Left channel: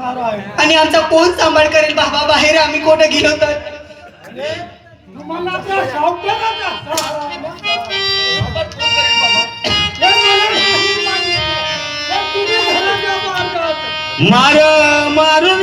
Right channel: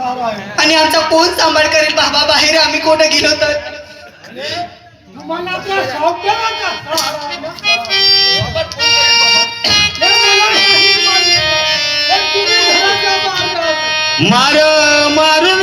आणि आमचा कोण सांभाळ करेल? बाबा बाहेर आम्ही कोठे गेलो तर? मार मारून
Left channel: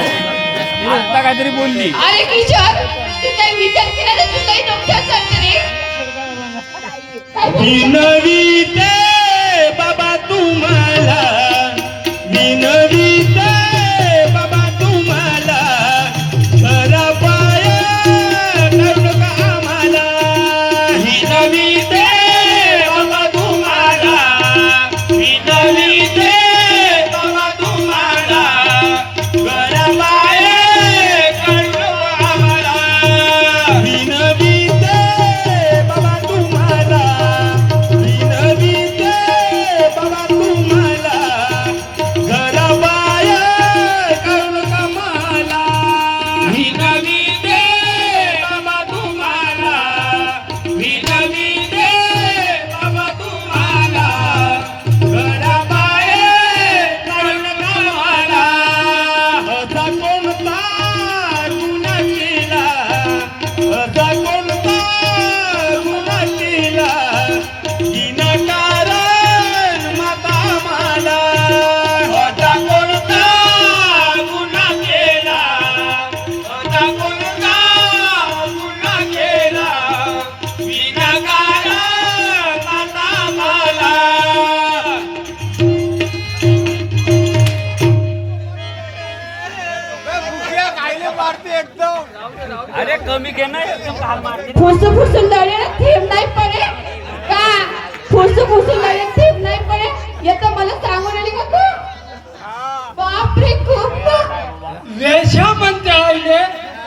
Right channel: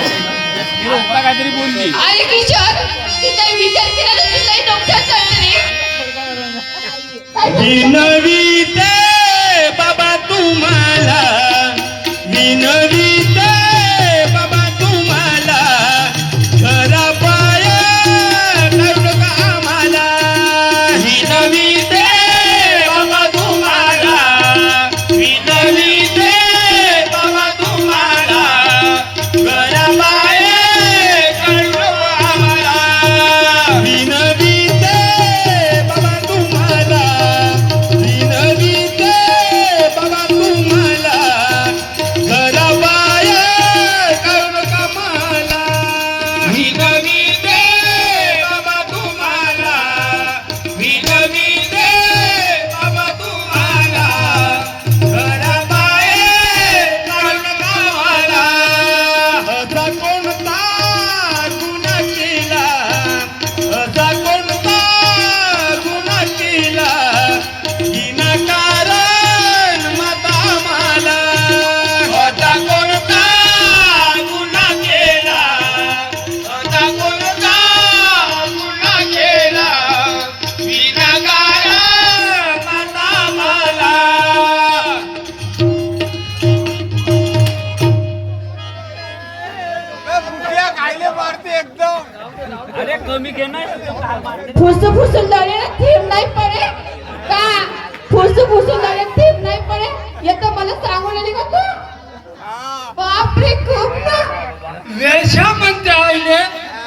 आता काहीतरी बोलली. अरे किशोर काही विचार केला तर नवी अरे कमी घे ना फुरसू फुरसून लढे थेंब नाही पडे. का? फुरसू फुरसून लढे थेंब नाही पडे. येत मला सांगून आली का तू? बापरे खूप ना. वेशा म्हणते आईने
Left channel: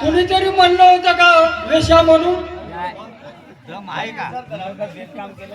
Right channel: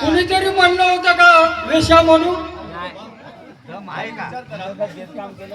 कुणीतरी म्हणलं होतं का वेशा म्हणून? काम केलं